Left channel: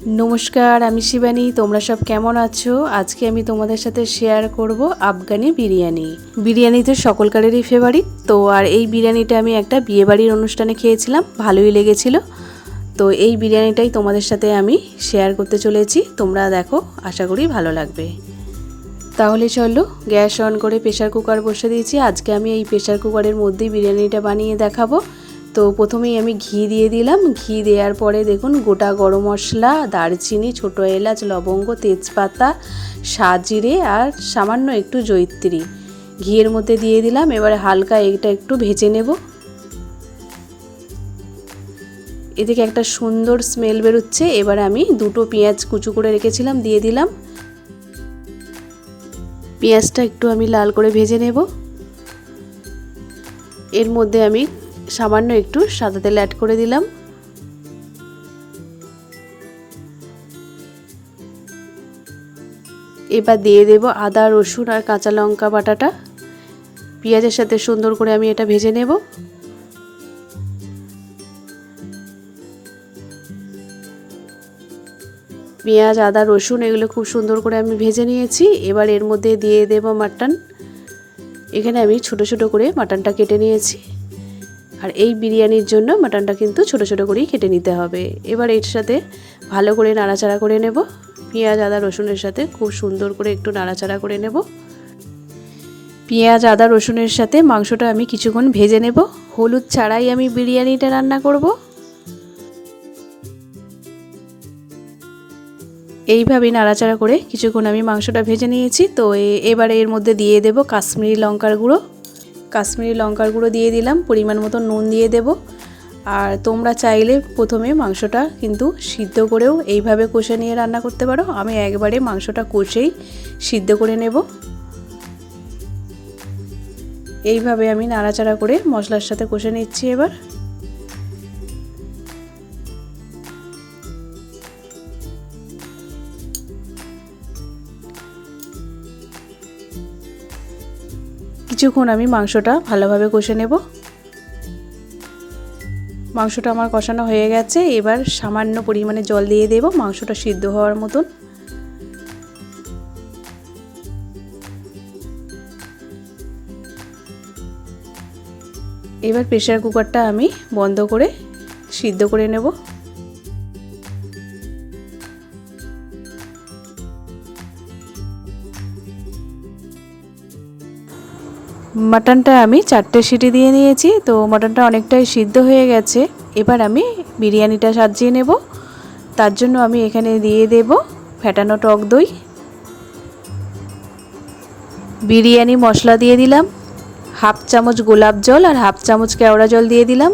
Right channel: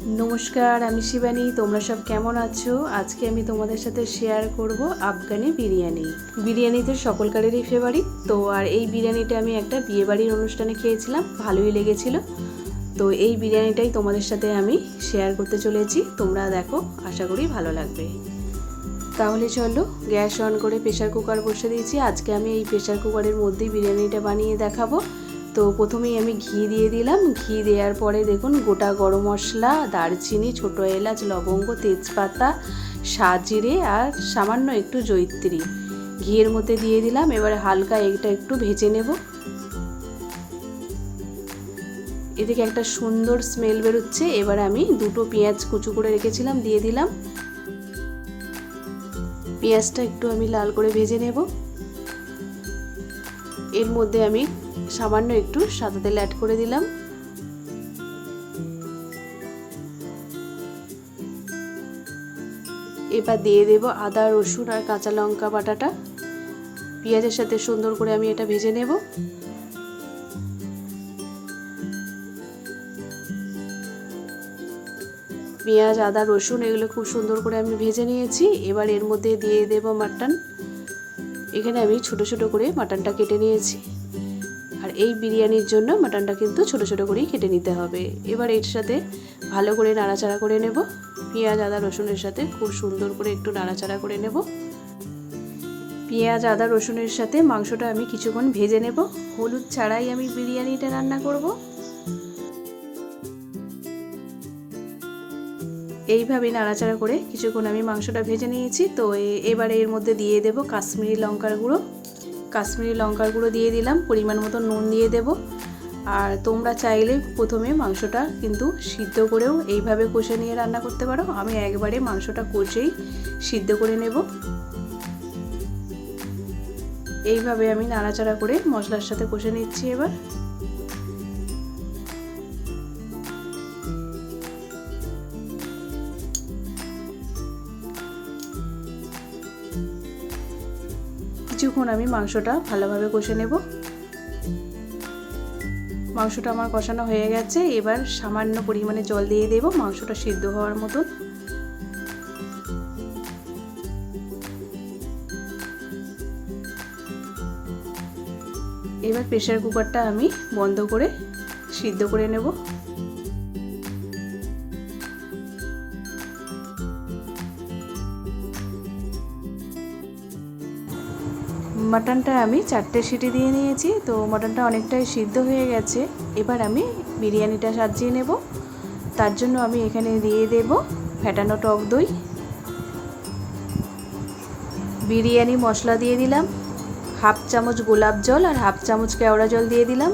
नमस्कार आमी शिवानी तोमरा सब केमन आछो। आज के आमी तोमादेर साथे शेयर करब आफगानी बिरियानी तो सकलकारेरই फेभारिट। तो और এই বিরিয়ানিটা আমি একটা বিয়ে বাড়ির অনুষ্ঠানে খেয়েছিলাম, ভালোই লেগেছিল। তো এই বিরিয়ানিটাই তোমাদের সাথে আমি শেয়ার করতে চলেছি, তোমরা দেখো, আশা করি ভালো লাগবে। তাহলে চলো গ্যাস অন করে প্রেসার কুকার বসে দিয়েছি। আজকে আমি এই প্রেসার কুকারের মধ্যেই বিরিয়ানিটা বানিয়ে দেখাবো। তো প্রথমেই আমি ঘি দিয়ে দিলাম। ঘি দেওয়ার পরে দেখুন গোটা গরম মশলা, দারচিনি, ছোটো এলাচ, লবঙ্গ, তেজপাতা, সাজিরে আর সামান্য একটু জয়িত্রী ঘিয়ের মধ্যে দিয়ে দিলাম। এবারে হালকা এটা একটু ভেজে নেব। এদিকে একটা সুন্দর স্মেল বেরোচ্ছে। এবারে আমি দুটো পেঁয়াজ কুচু করে রেখেছিলাম দিয়ে দিলাম। পেঁয়াজটা একটু আমি লাল করে ভেজে নেব। এর মধ্যে আমি সামান্য একটু সাদা তেল অ্যাড করে দিলাম। এবার দিয়ে দেব আদা, রসুন আর কাঁচা লঙ্কা বাটাটা। পেঁয়াজের সাথে সুন্দর করে আমি এটা ভেজে নেব। পেঁয়াজ, আদা, রসুন এগুলো খুব সুন্দর করে আমি ভেজে নিয়েছি। এবার এর মধ্যে দিয়ে দেব মাটন। এখানে আমি ছোট ছোট করে মাটনটা কেটে নিয়েছি। আর এই বিরিয়ানির জন্য মাটনটা কিন্তু ছোট ছোট করেই কেটে নিতে হবে। এবার এর সাথে ভালো করে নাড়াচাড়া করে নেব। পেঁয়াজ, আদা, রসুনের সাথে খুব সুন্দর করে একটু নাড়াচাড়া করে নেব। পেঁয়াজ, আদা, রসুনের সাথে মাংসটা আমি কিছুক্ষণ ভেজে নেব। হলুদ ছাড়াই আমি বিরিয়ানিটা রান্না করব। এইভাবে নাড়াচাড়া করে কিছুক্ষণ আমি মাংসটা ভেজে নিয়েছি। তো এবারে এর মধ্যে দিয়ে দেব কাশ্মীরি লঙ্কার গুঁড়ো। কাশ্মীরি লঙ্কার গুঁড়ো দিয়ে দিলাম। পরিমাণ মতো নুন দিয়ে দেব। আর তোমরা চাইলে প্রথমে মাংসটা কিন্তু সিদ্ধ করেও এইভাবে কষে নিয়ে রান্না করতে পারো। আমি একবারে মাংসটা কষেই সিদ্ধ করে নেব। এইভাবে আমি নাড়াচাড়া করে মশলার সাথে কষে নিচ্ছি। এবার কিছুক্ষণ আমি মাংসটা ভালোভাবে কষে নেব। মাংসটা আমার কষানো হয়ে গেছে। এবার সামান্য পরিমাণে জল দিয়ে দেব মাংসটা সিদ্ধ হওয়ার মতন। এবার প্রেসার কুকারটা আমি বন্ধ করে সিদ্ধ করে নেব। মাটনটা আমি 4টে সিটি দিয়ে নিয়েছি। তো মাটনটা অনেকটাই সিদ্ধ হয়ে গেছে। এবার আমি বিরিয়ানিটা সাজিয়ে নেব। তার জন্য আমি এখানে দিয়ে দেব ফেটানো টক দই, বিরিয়ানি মশলা দিয়ে দিলাম, হাফ চামচ গোলাপ জল আর হাফ চামচ কেওড়া জল দিয়ে দিলাম।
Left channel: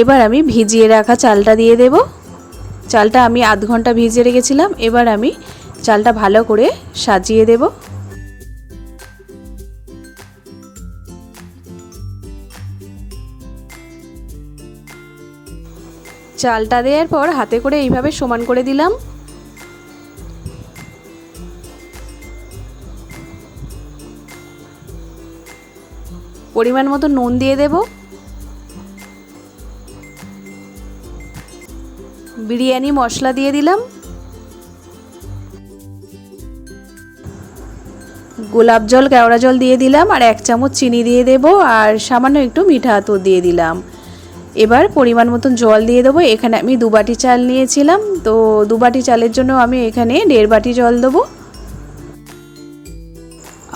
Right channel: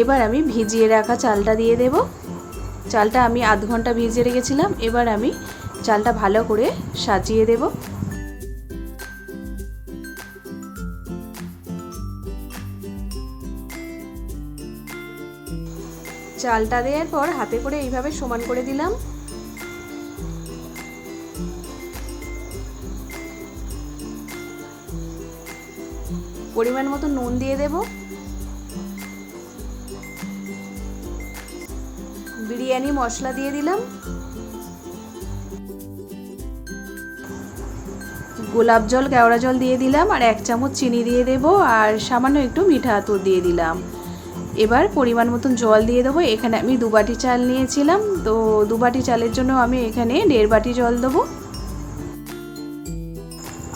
এবার আমি ভিজিয়ে রাখা চালটা দিয়ে দেব। চালটা আমি আধ ঘন্টা ভিজিয়ে রেখেছিলাম। এবার আমি চালটা ভালো করে সাজিয়ে দেব। চালটা দেওয়ার পর হাতে করে এইভাবে সমান করে দিলাম। পরিমাণ মতো নুন দিয়ে দেব। বিরিয়ানি মশলা দিয়ে দিলাম। গোলাপ জল, কেওড়া জল দিয়ে দিলাম আর 1 চামচ চিনি দিয়ে দেব আর সামান্য একটু মিঠা আতর দিয়ে দিলাম। এবার পরিমাণ মতন জল দিয়ে দেবো। এখানে আমি 2 বাটি চাল নিয়েছিলাম। তো 2 বাটি চালের জন্য আমি এখানে 1.5 বাটি জল দেবো।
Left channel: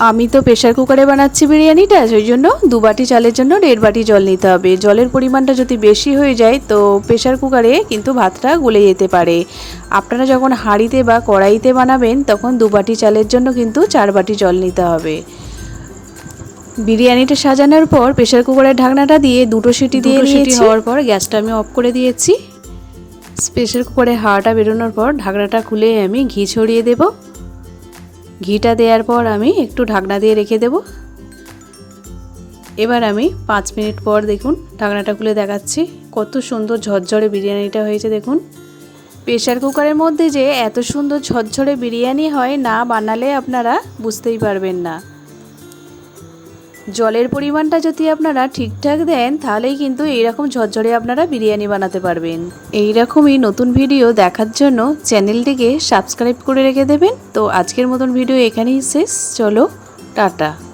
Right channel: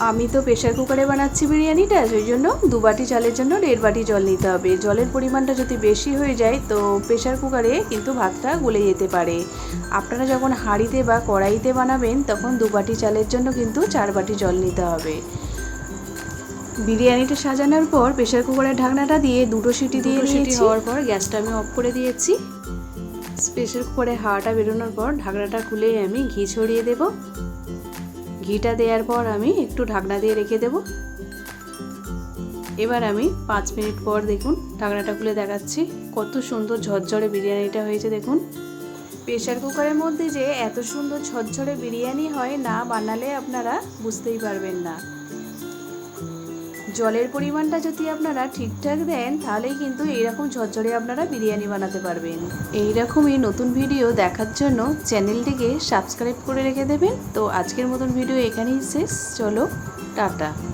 আমি তো প্রেসার কুকারে বানাচ্ছি বিরিয়ানিটা, সেই জন্য 2 বাটি চালের জন্য 1.5 বাটি জল নিতে হবে। জলের পরিমাণটা যদি বেশি হয়ে যায় তো প্রেসার কুকারে কিন্তু ভাতটা গলে যেতে পারে। আপনারা যখন হাঁড়িতে বা কড়াইতে বানাবেন তখন 2 বাটি চালের জন্য কিন্তু 4 বাটি জল নিতে হবে। বিরিয়ানিটা সাজানোর পর প্রেসার কুকারের ঢাকনাটা দিয়ে 2টো সিটি দিয়ে নিয়েছি। হওয়ার পর গ্যাসটা আমি অফ করে দিয়েছি। প্রেসার কুকারে হাওয়াটা বেরোনোর পর ঢাকনাটা খুলে আমি ঘি ছড়িয়ে দেব। ঘিটা দেওয়ার পর আমি একটু ঢাকনা দিয়ে রেখে দেব। এবার আমি 5 মিনিট পর দেখুন ঢাকনাটা খুলে দেখাচ্ছি। কত সুন্দর ঝরঝরে বিরিয়ানিটা হয়েছে দেখুন। প্রেসার কুকারের মধ্যে যে এত সুন্দর ঝরঝরে বিরিয়ানি হয়, না বানালে আপনারা বুঝতেই পারবেন না। জলের পরিমাণটা যদি আপনারা ঠিকঠাক দেন তাহলেই কিন্তু এইরকম ঝরঝরে আপনারা বিরিয়ানি বানাতে পারবেন। এইরকমই নতুন ভিডিও দেখার জন্য চ্যানেলটিকে সাবস্ক্রাইব করে রেখে দেবেন। তো আজকের মতন ভিডিও এখানেই শেষ। চলো টাটা।